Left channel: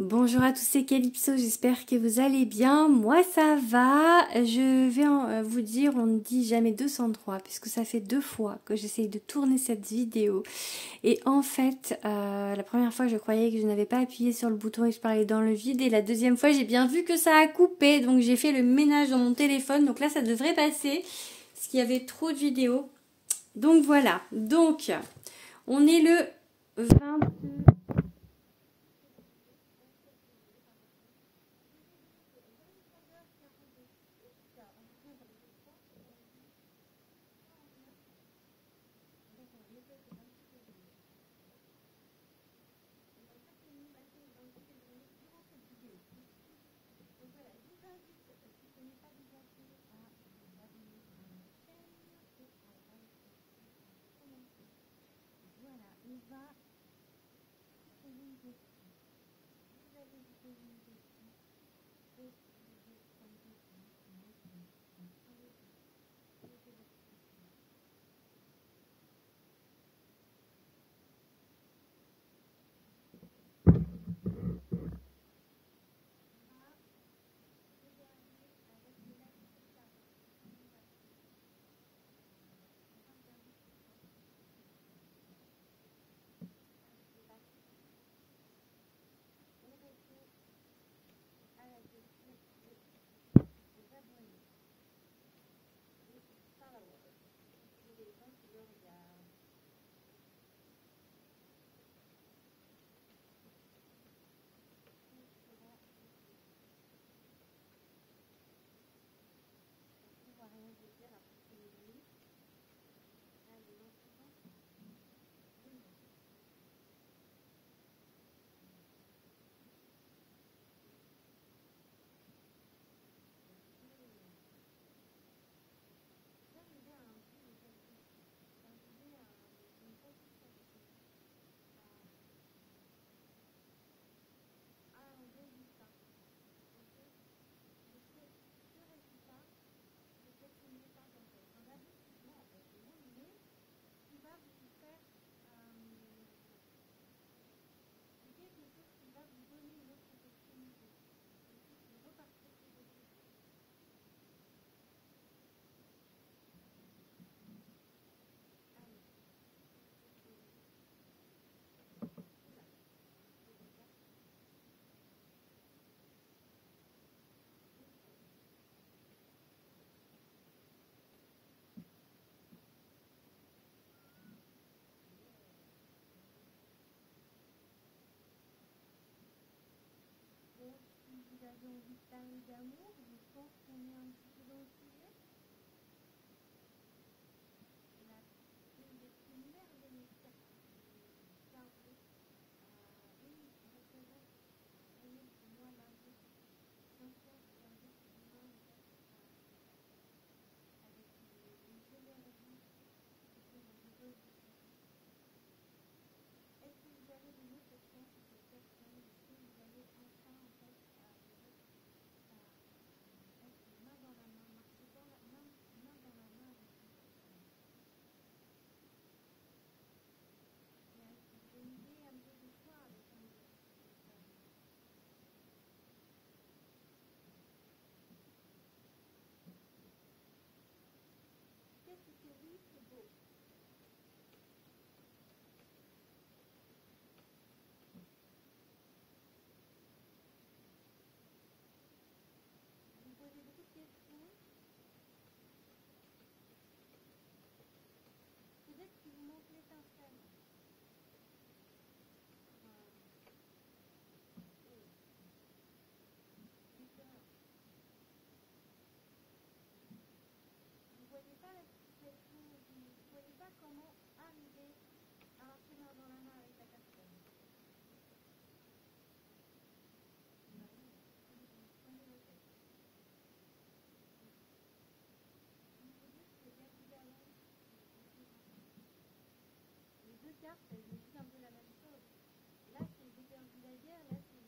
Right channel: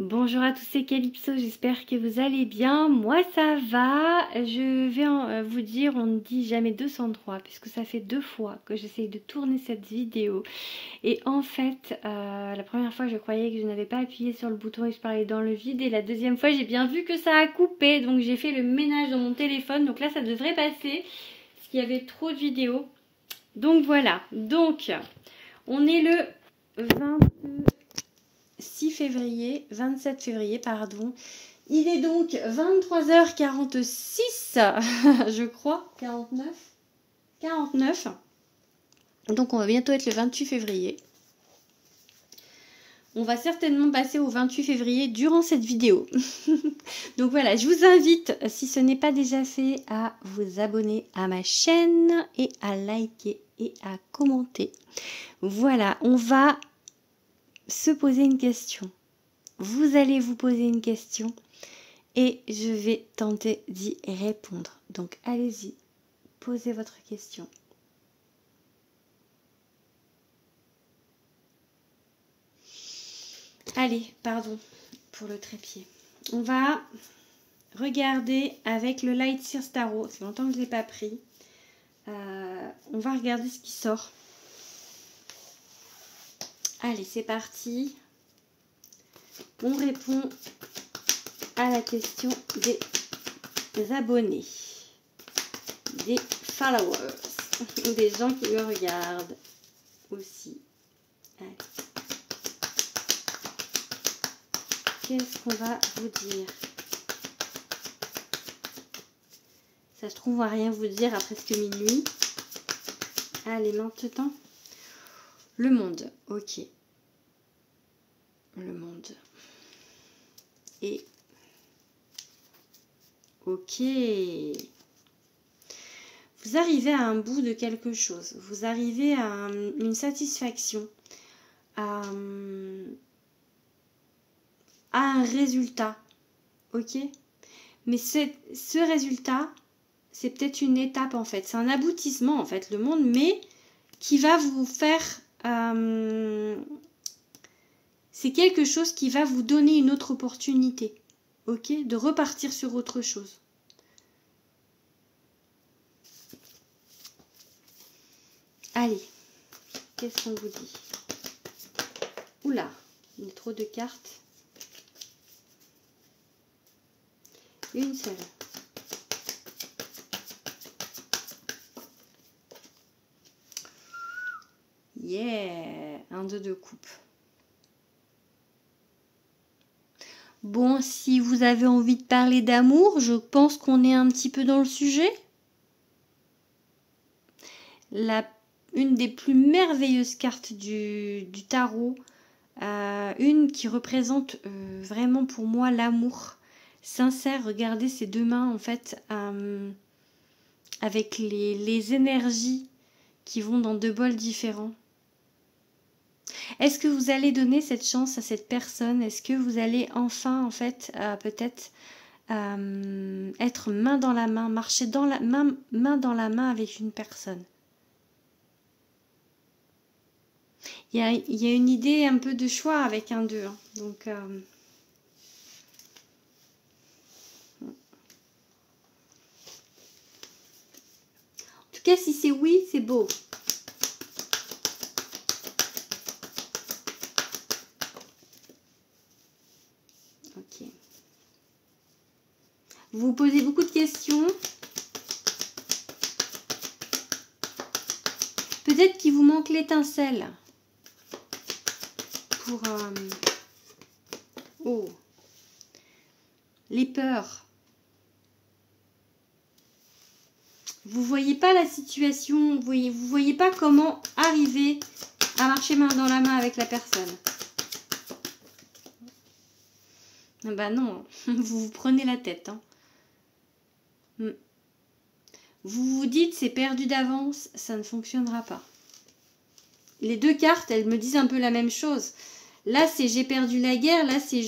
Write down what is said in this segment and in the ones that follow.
Bonjour à tous, c'est Calypso, j'espère que vous allez bien. Moi ça va, je vais vous dire, on ne dit jamais 203 puisque ça fait 2 fois que j'essaye de tourner cette vidéo. Et en fait, la première fois je croyais que je n'avais pas appuyé sur le bouton et je parlais dans le vide. Et la deuxième fois j'ai bien vu que ça a coupé, donc j'ai fait le ménage dans mon téléphone. Donc là ça devrait passer, parce qu'il y avait trop de vidéos. Donc voilà, donc on est le 27 février, pardon. Il est donc 23h46, je crois, 49. Donc on va bientôt être le 28 février. On va certainement passer au 28 février durant cette vidéo. Donc voilà, je vous invite, si ce n'est pas déjà fait, à vous abonner à ma chaîne et à liker et à commenter. Voilà, on va se poser une question. Vous allez vous poser une question et je vais tenter d'y répondre. Donc allez-y, posez votre question. Allez, pardon pour le trépied. On va regarder avec le Light Sears Tarot. Ça fait longtemps que je ne l'ai pas pris. On va regarder ce qui sort. Allez, c'est parti. On répond à la question des abonnés, des followers, des gens qui me regardent aussi. Allez. Qu'est-ce qu'on va vous dire? Ça se trouve, on va rien vous dire à presque minuit. Allez, maintenant. Le monde, ok. Le monde. Et ok. Vous arrivez à un bout de quelque chose. Vous arrivez à une satisfaction. À un résultat. Ok. Mais ce résultat, c'est peut-être une étape en fait. C'est un aboutissement en fait, le monde, mais qui va vous faire... c'est quelque chose qui va vous donner une autre opportunité. Ok, de repartir sur autre chose. Allez, qu'est-ce qu'on vous dit? Oula, il y a trop de cartes. Une seule. Yeah, un 2 de coupe. Bon, si vous avez envie de parler d'amour, je pense qu'on est un petit peu dans le sujet. Une des plus merveilleuses cartes du tarot, une qui représente vraiment pour moi l'amour sincère. Regardez ces deux mains en fait, avec les énergies qui vont dans deux bols différents. Est-ce que vous allez donner cette chance à cette personne? Est-ce que vous allez enfin en fait peut-être être main dans la main, marcher main dans la main avec une personne? Il y a une idée un peu de choix avec un 2. Hein. Donc, en tout cas, si c'est oui, c'est beau. Ok. Vous vous posez beaucoup de questions. Peut-être qu'il vous manque l'étincelle. Pour les peurs. Vous voyez pas la situation, vous voyez pas comment arriver à marcher main dans la main avec la personne. Bah non, vous vous prenez la tête. Hein. Vous vous dites c'est perdu d'avance, ça ne fonctionnera pas. Les deux cartes, elles me disent un peu la même chose. Là, c'est j'ai perdu la guerre. Là, c'est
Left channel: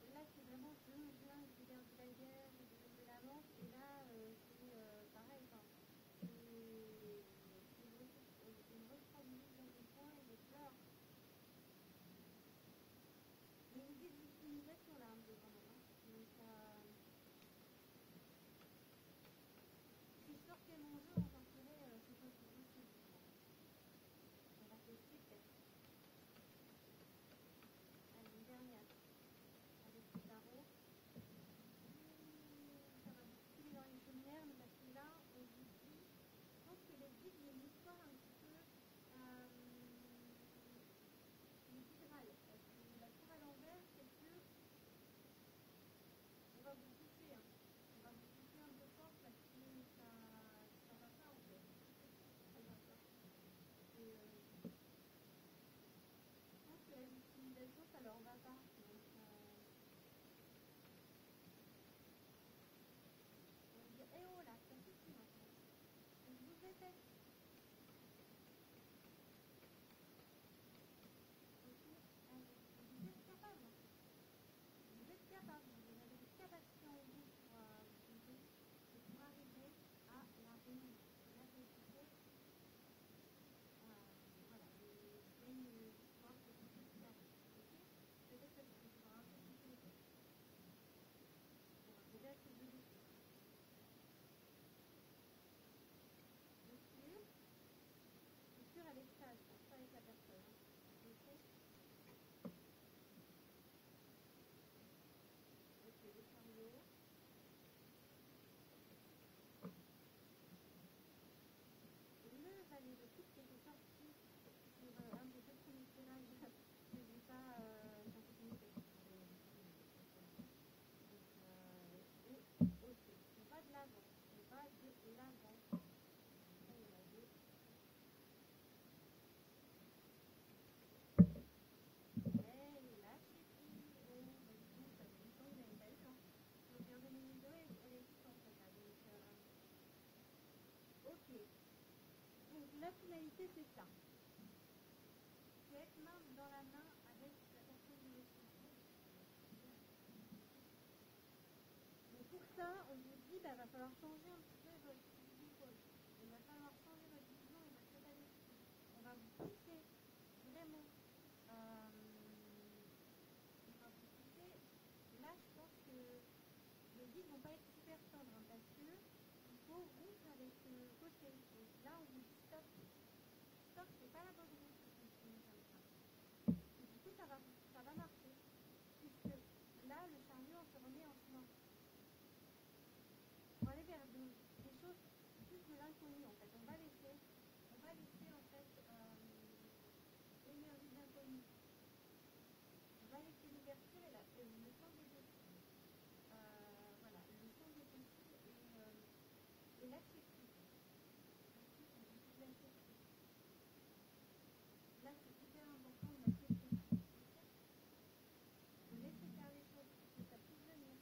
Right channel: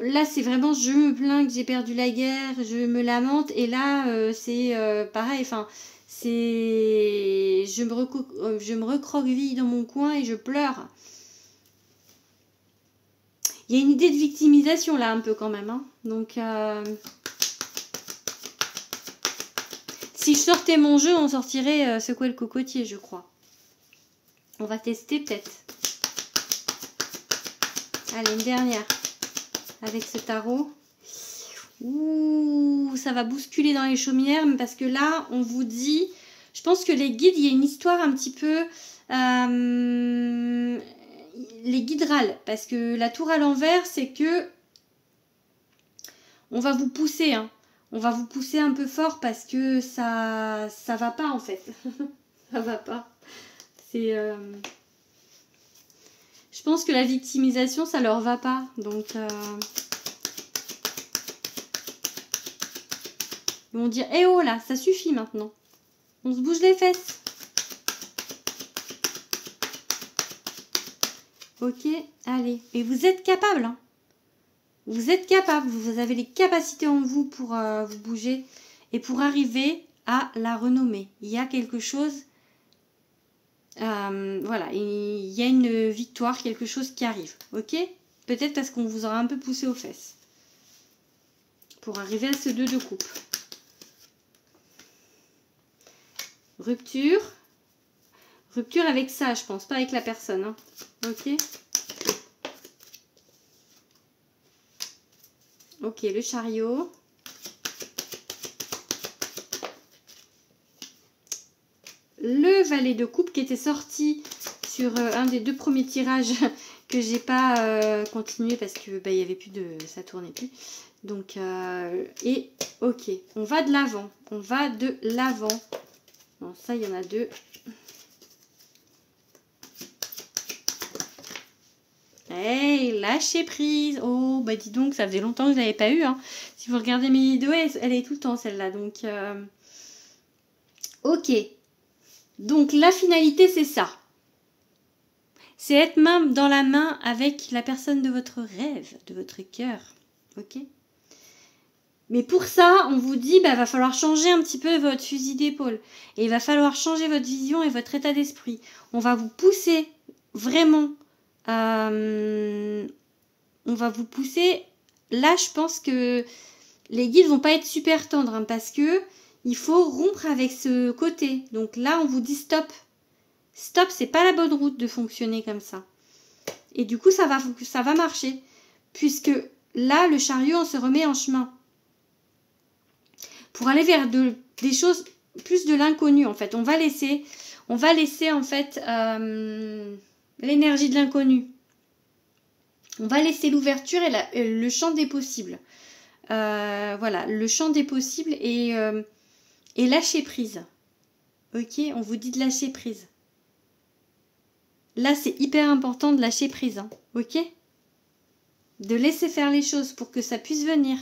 Là, c'est vraiment je me plains que j'ai perdu la guerre. Je me lamente. Et là, c'est pareil. Enfin, c'est je me recroqueville dans mon coin et je pleure. Il y a une idée de victimisation là un peu quand même. Hein. Donc, si je sortais mon jeu, on sortirait secouer le cocotier, je crois. On va tester peut-être. Allez, une dernière. Avec ce tarot. Ouh, ça va bousculer dans les chaumières. Parce que là, on vous dit... Je pense que les guides, il y a une histoire un petit peu... les guides râlent. Parce que la tour à l'envers, c'est que... On va vous pousser. Hein. On va vous pousser un peu fort parce que ça va pas en fait. Ça va pas. C'est... Je pense que la victimisation, ça leur va pas. Donc, ils vont dire, eh oh là, ça suffit maintenant. On se bouge les fesses. Ok, allez. Et vous êtes capable. Hein. Vous êtes capable. Vous avez les capacités en vous pour vous bouger et pour arriver à la renommer. Il y a quelque chose... voilà, il y a une victoire, quelque chose qui arrive, ok? Peut-être parce qu'on vous aura un peu poussé aux fesses pour arriver à ce 2 de coupe. Rupture. Rupture avec ça, je pense, pas avec la personne, hein. Ok? Ok, le chariot. Le valet de coupe qui était sorti sur un des 2 premiers tirages que j'ai pas continué parce que il y avait plus de, ça tournait plus. Donc et ok, on va de l'avant, on va de l'avant. Bon, ça il y en a 2. Hey, lâchez prise. Oh bah dis donc, ça faisait longtemps que je l'avais pas eu. Hein. Si vous regardez mes vidéos, elle est tout le temps celle-là. Donc ok. Donc la finalité c'est ça. C'est être main dans la main avec la personne de votre rêve, de votre cœur. Ok? Mais pour ça, on vous dit, va falloir changer un petit peu votre fusil d'épaule. Et il va falloir changer votre vision et votre état d'esprit. On va vous pousser vraiment. On va vous pousser. Là, je pense que les guides vont pas être super tendres. Hein, parce que il faut rompre avec ce côté. Donc là, on vous dit stop. Stop, c'est pas la bonne route de fonctionner comme ça. Et du coup, ça va marcher. Puisque là, le chariot, on se remet en chemin. Pour aller vers des choses, plus de l'inconnu, en fait. On va laisser en fait, l'énergie de l'inconnu. On va laisser l'ouverture et le champ des possibles. Voilà, le champ des possibles et lâcher prise. Ok, on vous dit de lâcher prise. Là, c'est hyper important de lâcher prise, hein, ok? De laisser faire les choses pour que ça puisse venir.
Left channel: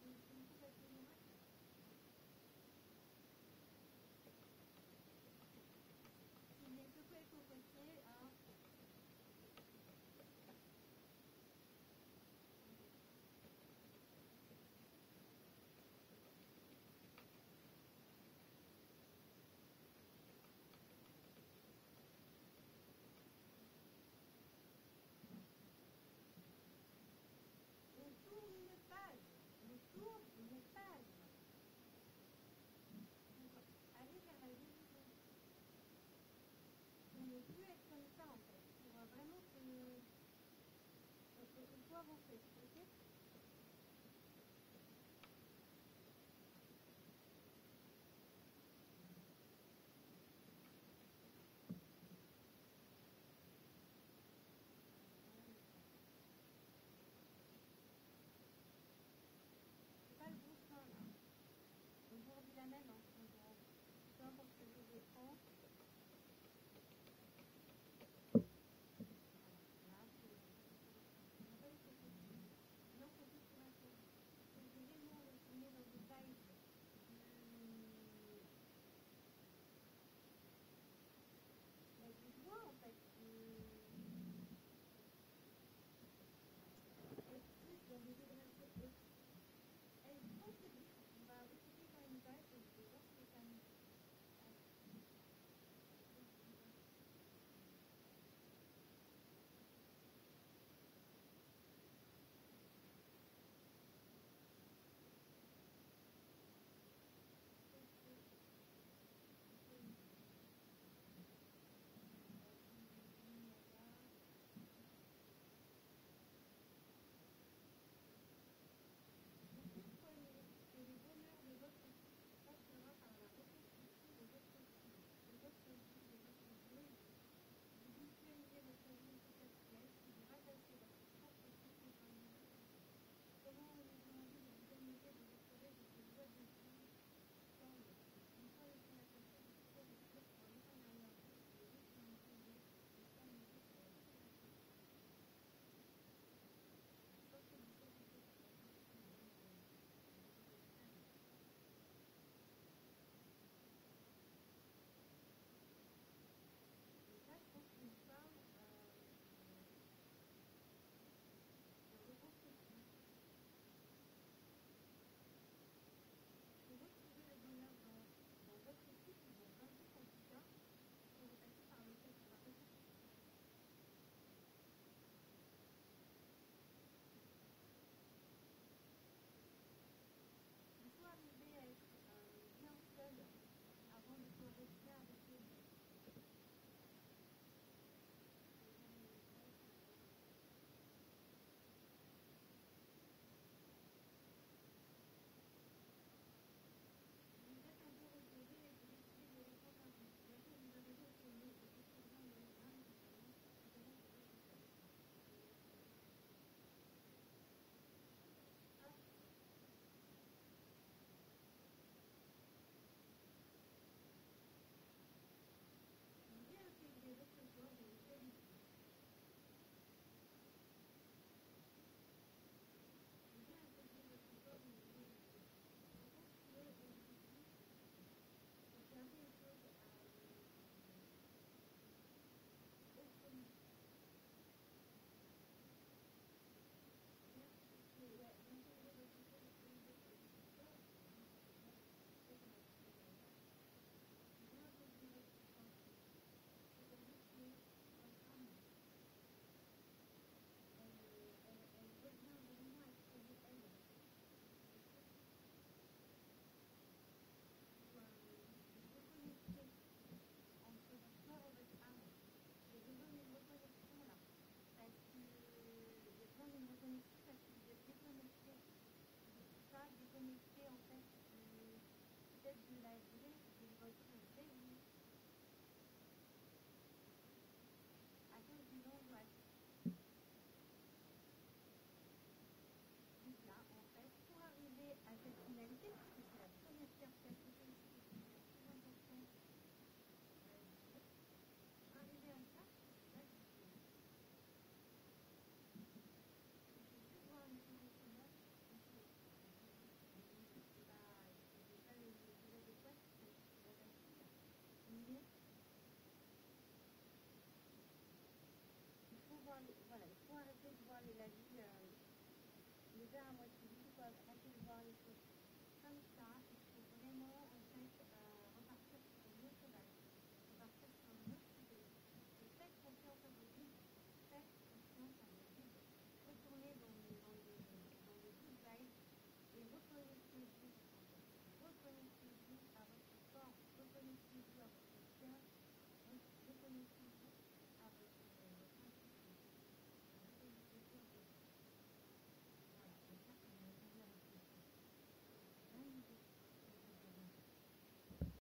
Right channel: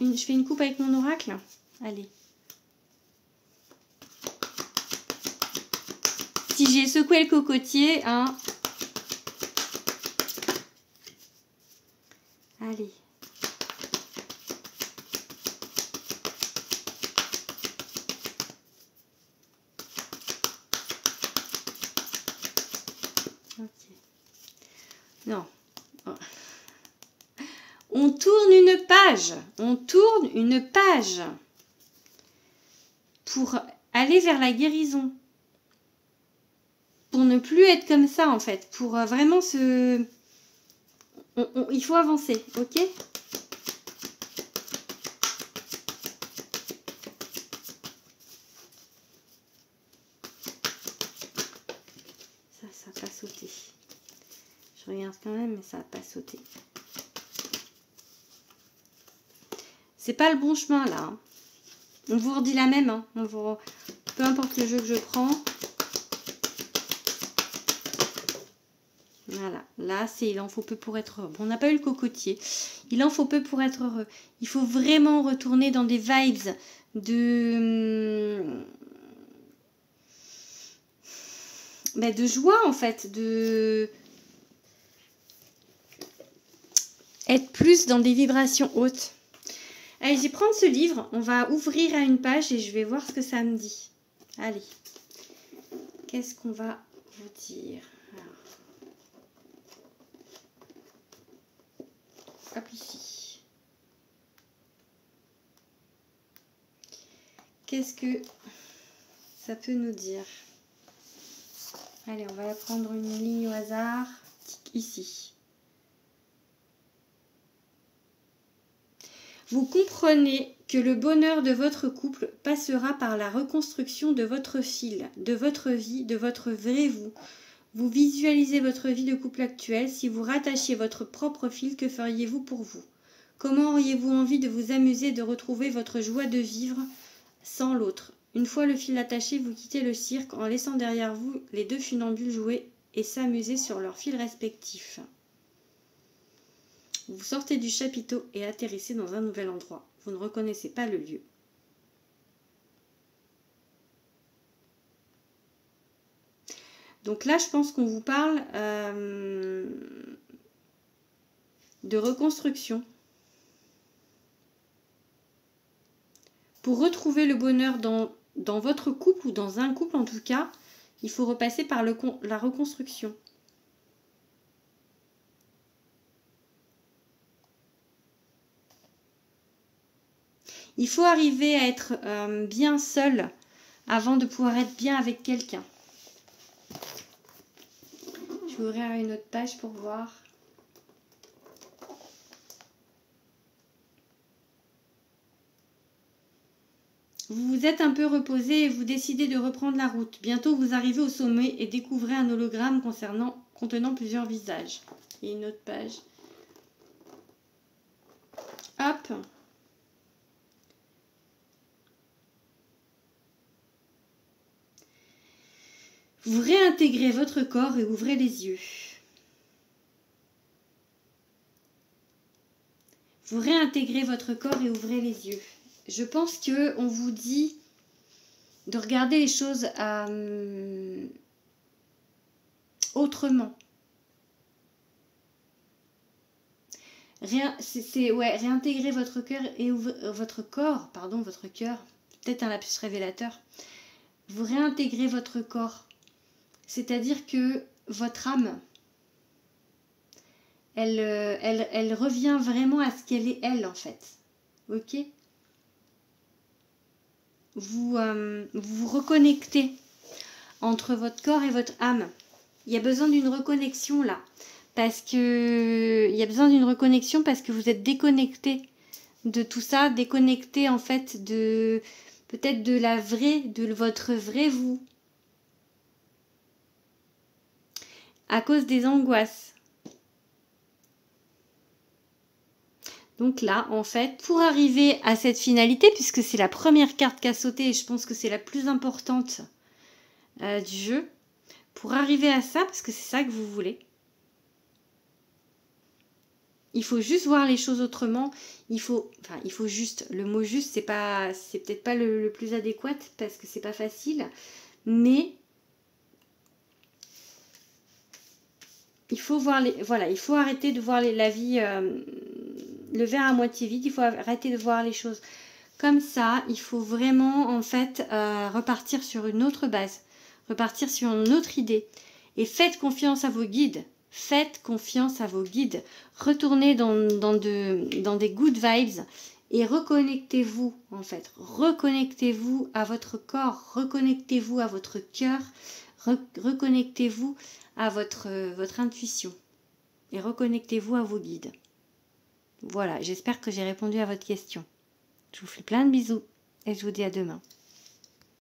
Je fais une coupe avec mon oracle. Allez. Si j'ai secoué le cocotier, hein. Allez. Non. On tourne une page. On tourne une page. Pour aller vers la guérison. Pour ne plus être comme ça, en fait. Pour vraiment se... il faut avancer, ok? Ça n'a pas sauté. Je regarde quand même, mais ça n'a pas sauté. C'est pas le bon chemin là. Hein. On vous redit la même. Hein. Peu importe le jeu que je prends. Voilà. Là, c'est il en faut peu pour être heureux. Bon, on n'a pas eu le cocotier. Il en faut peu pour être heureux. Il faut vraiment retourner dans des vibes de joie en fait. De être plus dans des vibrations hautes. Allez, je vais prendre ce livre, on va ouvrir à une page et je vais voir ce que ça me dit. Allez, qu'est-ce qu'on va vous dire? Alors, hop ici. Qu'est-ce que ça peut nous dire? Allez, on va prendre une ligne au hasard. Ici. Vous comprenez que le bonheur de votre couple passera par la reconstruction de votre fil, de votre vie, de votre vrai vous. Vous visualisez votre vie de couple actuelle. Si vous rattachiez votre propre fil, que feriez-vous pour vous? Comment auriez-vous envie de vous amuser, de retrouver votre joie de vivre sans l'autre? Une fois le fil attaché, vous quittez le cirque en laissant derrière vous les deux funambules jouer et s'amuser sur leurs fils respectifs. Vous sortez du chapiteau et atterrissez dans un nouvel endroit. Vous ne reconnaissez pas le lieu. Donc là, je pense qu'on vous parle de reconstruction. Pour retrouver le bonheur dans votre couple ou dans un couple en tout cas, il faut repasser par la reconstruction. Il faut arriver à être bien seul avant de pouvoir être bien avec quelqu'un. Je vais ouvrir une autre page pour voir. Vous vous êtes un peu reposé et vous décidez de reprendre la route. Bientôt, vous arrivez au sommet et découvrez un hologramme contenant plusieurs visages. Et une autre page. Hop. Vous réintégrez votre corps et ouvrez les yeux. Vous réintégrez votre corps et ouvrez les yeux. Je pense qu'on vous dit de regarder les choses autrement. Réintégrer votre cœur et votre corps, votre cœur, peut-être un lapsus révélateur. Vous réintégrez votre corps, c'est-à-dire que votre âme, elle revient vraiment à ce qu'elle est elle en fait, ok? Vous vous reconnectez entre votre corps et votre âme. Il y a besoin d'une reconnexion là. Parce que vous êtes déconnecté de tout ça, déconnecté en fait de peut-être de votre vrai vous. À cause des angoisses. Donc là, en fait, pour arriver à cette finalité, puisque c'est la première carte qu'a sauté et je pense que c'est la plus importante du jeu, pour arriver à ça, parce que c'est ça que vous voulez, il faut juste voir les choses autrement. Il faut juste, le mot juste, c'est peut-être pas le plus adéquat parce que c'est pas facile, mais il faut voir il faut arrêter de voir la vie, le verre à moitié vide. Il faut arrêter de voir les choses comme ça. Il faut vraiment en fait repartir sur une autre base, repartir sur une autre idée et faites confiance à vos guides. Faites confiance à vos guides. Retournez dans des good vibes et reconnectez-vous en fait. Reconnectez-vous à votre corps, reconnectez-vous à votre cœur, reconnectez-vous à votre intuition et reconnectez-vous à vos guides. Voilà, j'espère que j'ai répondu à votre question. Je vous fais plein de bisous et je vous dis à demain.